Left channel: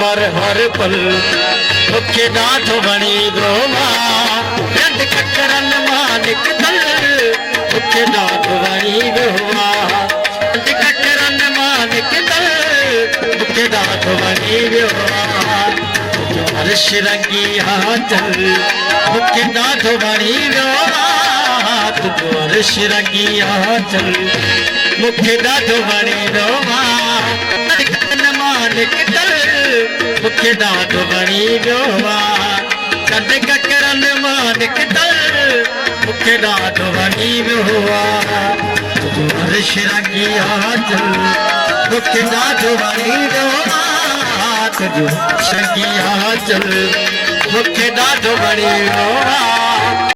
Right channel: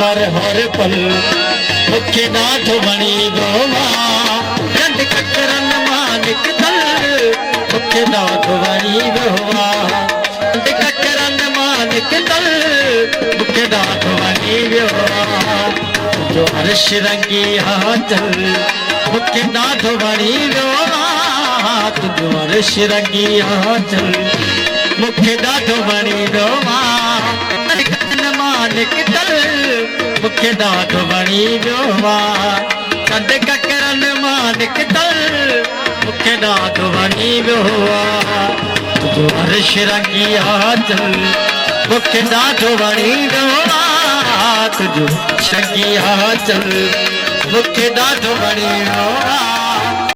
मर हर पल मुखे ॾाढो वणी वियो रंड ककरन मालिक दल मुखे ॾाढो वणी वियो रंड ककरन मालिक दल मुखे ॾाढो वणी वियो जो अर्श रंगी आंचल मुखे ॾाढो वणी वियो तुंहिंजो अर्श रंगी आंचल मुखे ॾाढो वणी वियो मालिक दल मुखे ॾाढो वणी वियो रंड ककरन मालिक दल मुखे ॾाढो वणी वियो तुंहिंजो अर्श रंगी आंचल मुखे ॾाढो वणी वियो तुंहिंजो रंगी आंचल मुखे ॾाढो वणी वियो।